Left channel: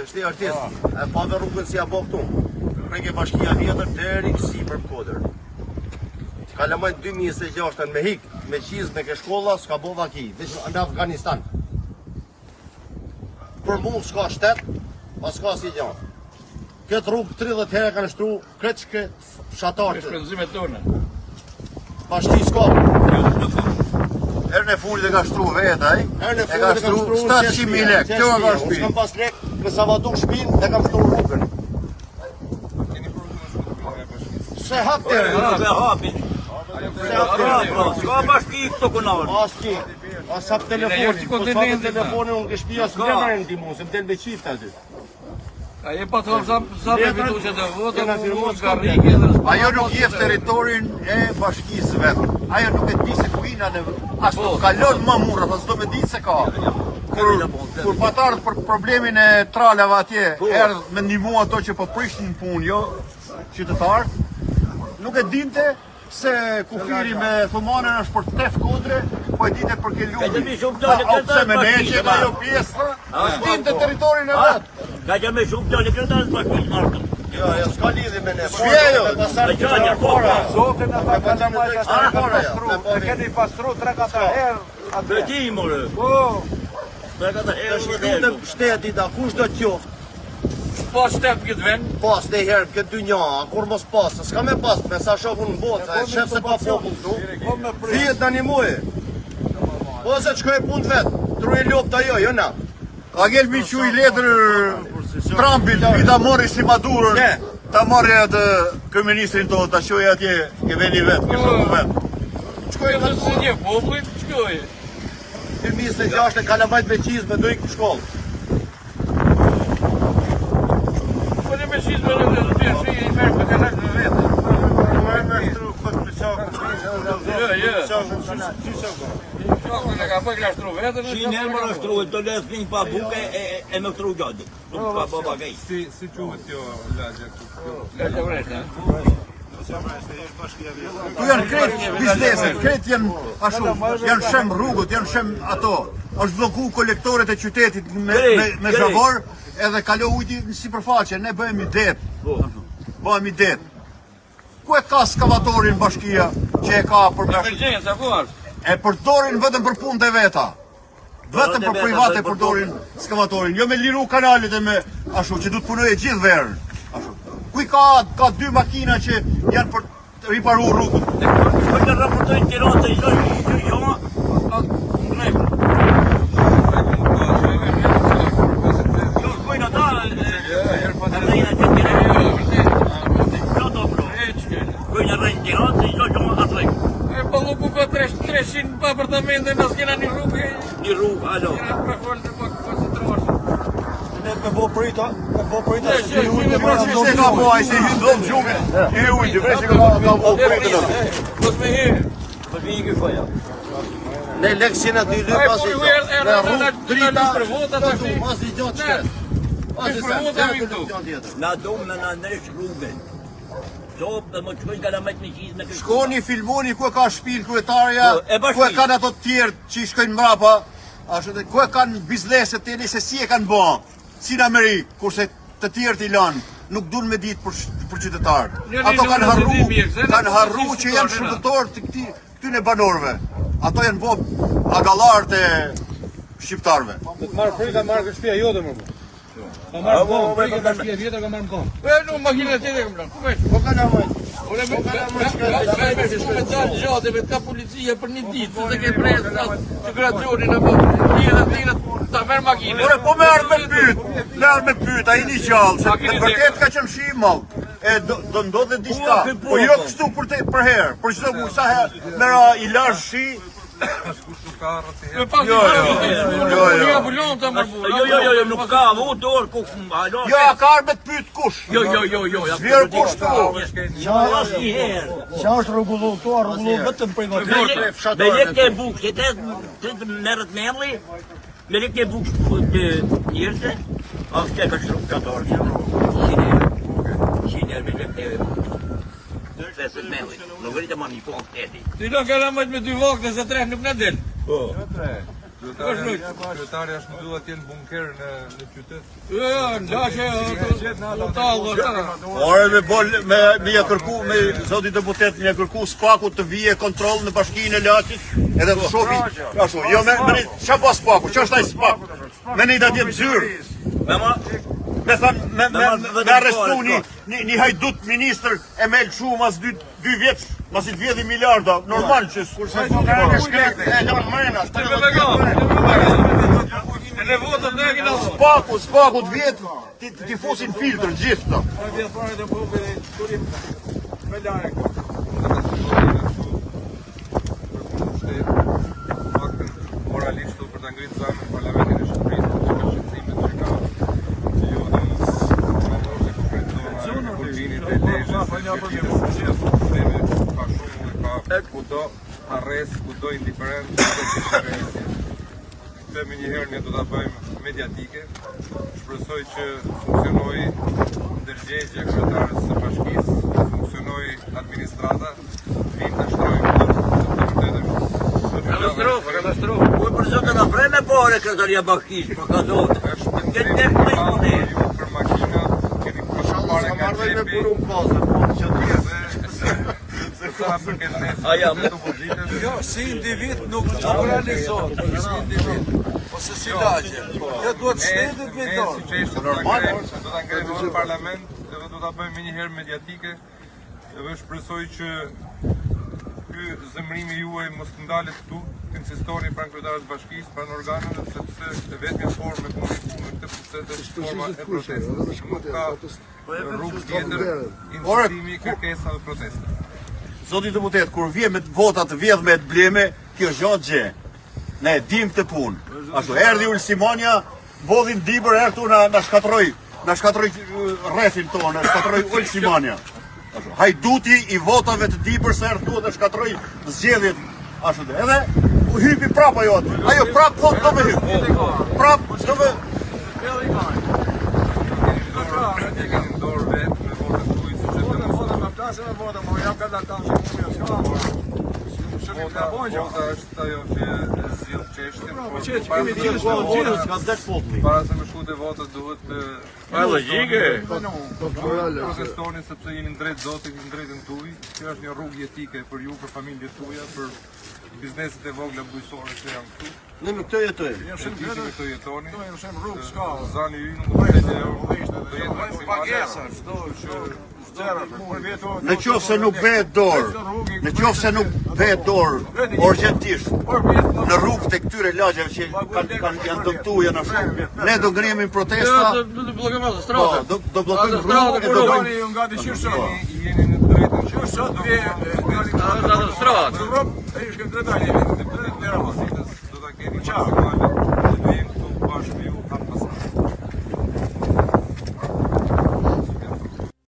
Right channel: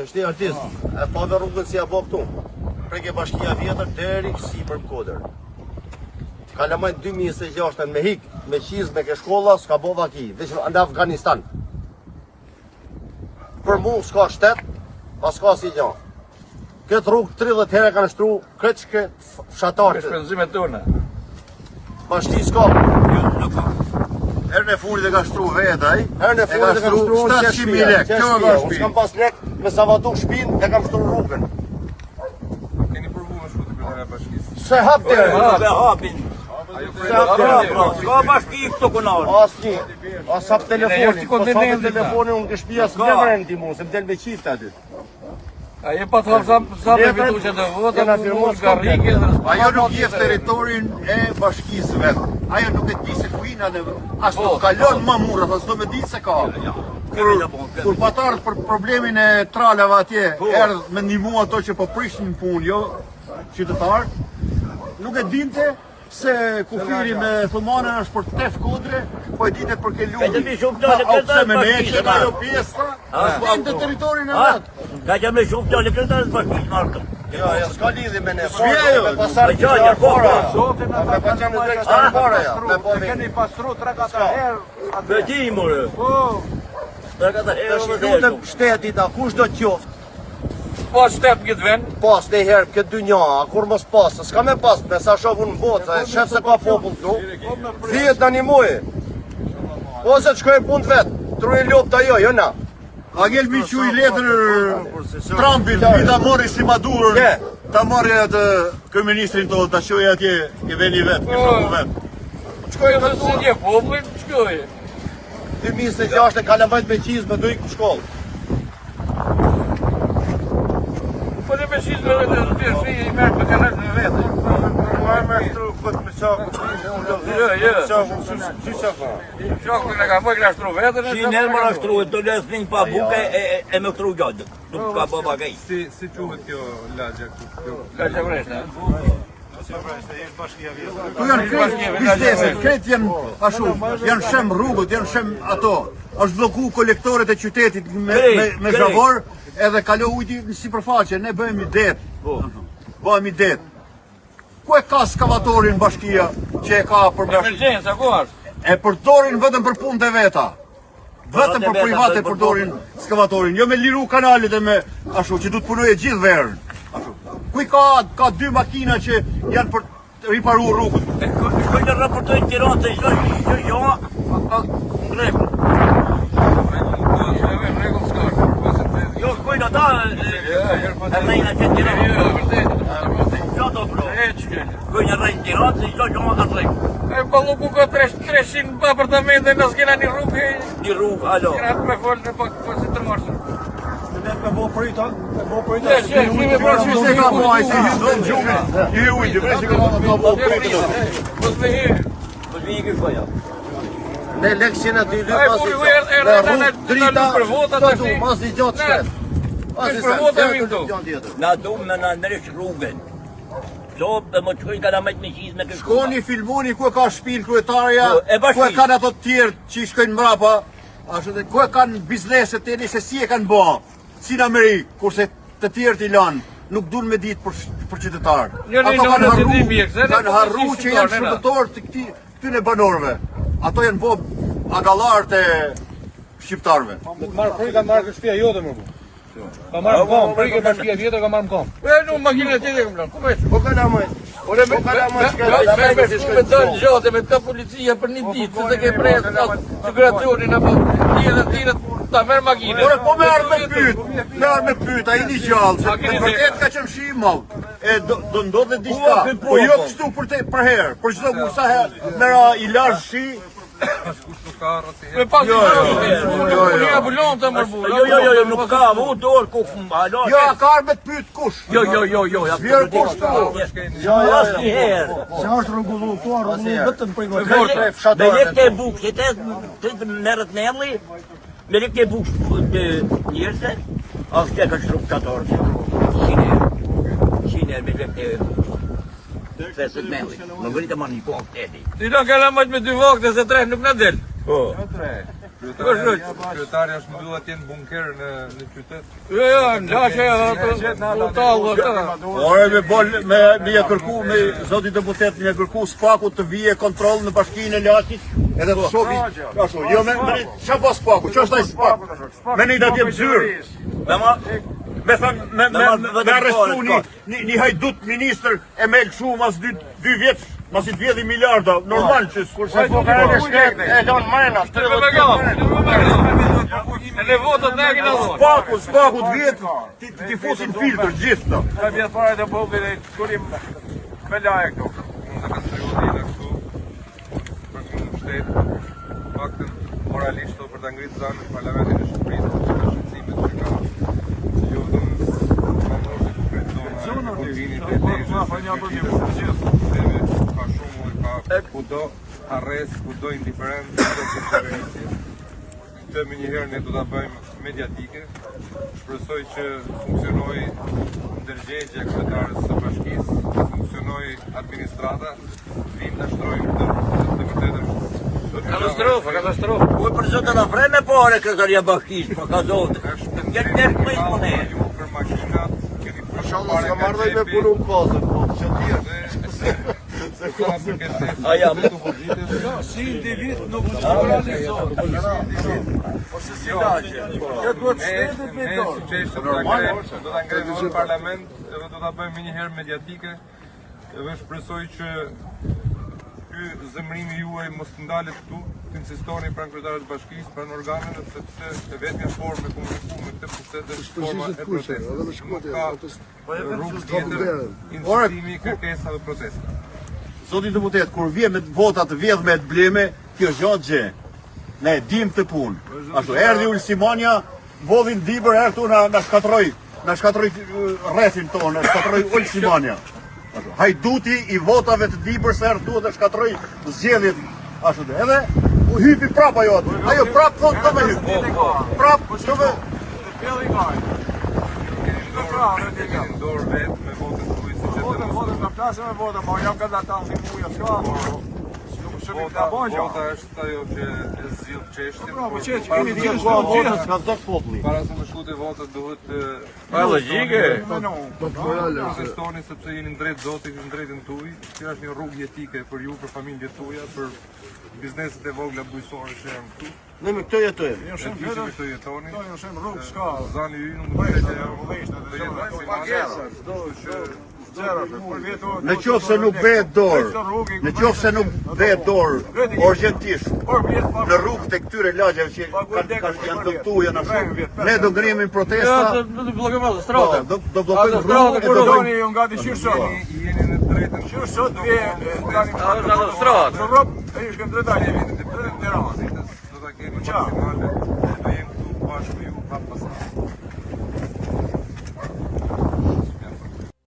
Se kështi artist, e pa dhe rrugën si a bo këtu. Preke bashkia vjetër deri kësi për Kodër. Kalamajt 2026 me hik, me qiz, me ke shkolla, s'ka bo vaki, veç në Afganistan. Për mu s'ka shtet, pas s'ka si gjanë. Këtë rrugë 30 herë kanë shtru, këtë që këtë fshatarët. Shpenzimet tona. Bashki s'ka. Herë me furi dhe ka shtru vetë, aj? Herë në furi dhe kam shtru në 700.000 lek. Unë s'kam pas lek me savatu shpinë dhe kam shtru rrugën. Se hap të herë. Asni, as hap telefonin, po sa të telefonin unë ke shpia s'vjen me ndimu, se m'del me qifte aty. Ajo pa të sa me fitu që të votë, Ajo nuk jef teritorin e bashkisë vetë. Ajo nuk e di se ku ina në as nuk kalon më murë, as do me di se ka. Kur patarët për problemin e tralave atje, erdhë me ndihmu ato që po prishin punë, jo qytetarë, nuk e dinte se kufiri me thumanën është për tef Kodre, po e dite për ke lupi. A pëse me meqen ajo pjesë, dinte teritorin e vetë. Ka që me shumë të në këtë të bashkë martën. Jo, s'ka lidhi me ne, me pasar të gjarë para, me pasar në drejtë gjarë para, ja, me po vinë. Keni pastru 3-4 herë. Për ti, more. 3-4 herë. Të lutëm shtetit, a kush do të qoftë? pas shtep këtë vend. Pas dhe herë këtë dy nja, kur mos pas, s'ka me pas, me sa shofun në botë, shef se ka popull këtu, thijet në një mujë. Po se të shkoj punë vetë, truje lopë të ajo, jo na. A gjel mi që i letër Trumpit, mi ta mori si Madurën, ta mori atë kërministrin të ta shoj atje, ke veni vetë, Shkoj Këtë në si një poplit, shkoj. 2006 e kalamajt me qizë me dojkë shkollë. Po në me qizë me dhe shi i mërë për kalat në vetë. Marrë me shtru këtë me qakë. Që qakë? Shokë në ka për kështru vetë në Si nërë më ashtru, të lesë një pa buke e me këtru gjadë. Nuk ka baba gaj. Si quhet kjo lagja këtu? Ka që vrejtë, Tu janë kretë bizneset, kretë janë ashtu, janë shem rrugët, janë shem ato. Është bloku kolektoret e qytetit me zavor, edhe kalo ujti në sipërfaqe, ne bëhemi det. Bëhemi det. Ku e ka skavatorin bashkia që e ka për emergjensa, ku është? e përdorin vetëm për punët e veta. Vetëm për private përdorin skavatorin, jo me liru kanalit e me ashtu, që du të punoj e gjithë verën. Ashtu. Kuj ka dy makina që janë për të riparu rrugët. Shkoj të këtë të Tiranë të shkoj jo, në rregull. Jo, shkoj në ta, e rejnë e të Tiranë. Qato pro, shkoj në rejnë Tiranë të shkoj që në rregull. E ballu ku ka 300 apartamente në s'kena një rrugë. Një rrugë, alo. Kena me folë të pak të të marshë. Me bo prita, Ne leksin e dy dy Ai, pasi kur erdhe me rrugë drita, për vota, të du, mas i gjatë shkret. Mas i Për sen, vota të mi të këtu. gjatë tjetër. Na do me na ndresh rrugën. Qopë më të shkoj kalamet me qizë me kështu. shkoni, filmoni ku e ka shpinë kryetarja, E bashkë. ku e kanë ato të tjerë që i shkojnë mrapa, ashtu dhe ku e kanë bizneset tani se si e kanë bë, si në Amerikë, kurse të tjerë t'i lanë, nuk duan me ditë për qytetarë. Ato kanë harru që janë shërbëtorë të këtyne banorëve. Ato janë bo agallarët e shqiptarëve. Ka marrë më kom, për i ka shpia vjetër ka marrë më kom. E, në makinë e të të këmë ku veç? Po kalamajt. Ore me shku me të në gjatë, me të policia për një ditë, se të ke prejtë migracionin, e tjilët, ta merë makinë. Ore, po merë me pyet, a i një gjallë, se të vërtet ka qëmë shi i malë, e do ndodhe diçka, po jo kështu për herë, për qdo mu sa herë, mera i lashë shi, Me pas një abullon të mërbu. Jo, nuk ka, mu dorë ku alo. jo, ja ka arë me të pyet kush, Jo. vjerë kushtu. Se është rregulluar, vetëm për Me lek ke bukë, të merët nemli, me lek ke bukë të njërse, a së të shkatorë. Shine me lek të segmentit, në vëritë ma një po këtë edhi. Ti do kalamajt me 2 vakte se 3 nuk në del. Po. Kryetari është mbyllu atje në bunker në qytet. Jo, ngjashë Ore me bol me ja kërku me zoti deputet me ja kërku spaku të vije kontroll në bashkinë e Laçit edhe të shofi ashtu. Jo me çfarë pas spaku? Ç'është ai spak? Me një datje zyrë. Me thënë, me arrestu një hajdut ministër e me lëshu mas 2 vjeç, mas i të vjedhi miliarda, normal që Kurse fukarën e shkretë e lanë mrena, 30 spaku të vjetë, ti fusin filtr, gjithë të. Ka vjetë fare të bullë dhe kurim me laje këtu. Për një shtetë, faktën moralisht për të ngritë zanën në Parlamentin e Shqipërisë, që të shqipësimit që ka që ju dhe në Kurvinit e Dejshës, ka shumë dhe ka kudo arrest, kudo indiferent, kudo këshëveritje. Këtë me njëherë ne do të bëjmë mediatike, shpresoj që funksionoj ndërgjegje kryetarës së bashkisë, funksionoj administrata, vinë të shtrojmë të vërtetë Katastrofë. Po për sot do na vreme po ore kretaria bashkisë, po ka zotë. për makina, keni Inshallah s'ka marrë me punu kozën, po që të jetë. Si individ nuk të realizohet, si individ. Ose si lagje. Dhe duhet shtetit me Ne si qeshtë do ta ngrejmë në parlament edhe do ta bëjmë një herë mediatike edhe shpresoj që ky zemrimi juaj mos të ndalet këtu, të insistoni pranë kryetarët të bashkisë, pranë organeve, sepse e vetmja formë e komunikuar me këtë pushtet është forma e protestës. Nuk ka rrugë tjetër, insistimi, kërkesa dhe protesta. Zoti deputet, kur vje me vota të vjedh me të bleme, kjo zot gjë. Ne dim të punë. Ashtu erdhi Ulsimania, vodhin dibër këtu na shkatroi rrethin tonë, na shkatroi Ulsimania. Ashtu hajduti i votave të dibër sa erdhi dhe shkatroi zgjedhjet. Ashtu edhe u hypi prap ajo. Ajo prap po do me hyp. Prap do me Keni dorë vetë me votët tuaj si që të Vota me plasë me vota, ma jam këtë ata në kuja s'ka. Vota është ajo që e zgjidh çështjen. Kemi të gjithë votës, ka zdek populli. Para se me shkute votët duhet protestoni sepse jeni në drejtë Zotit, në drejtën tuaj. Kjo është një rrugë jetike për ju, për familjet tuaja, për bizneset e vogla bujqësore që janë këtu. Ne me këtë jetojmë. E di që me këtë jetoni. Rrugë s'ka. Zani ju nuk do të jetë maksimale. Në qoftë se nuk bëhet dorë, në qoftë se nuk bëhet dorë urgjentisht në rrugë të këtyre lagjeve që janë dëmtuar janë ashtu, ne do ngrihemi protesta. do blokojmë stradën. Do bllokojmë rrugën e do Doni ju nga të qyrshoni. Jeni në drejtën Qyrsot vje tani në rrugë, ai është këtë drejtani. do ta keni maksimale, do jemi këtu bashkë me ju hap pas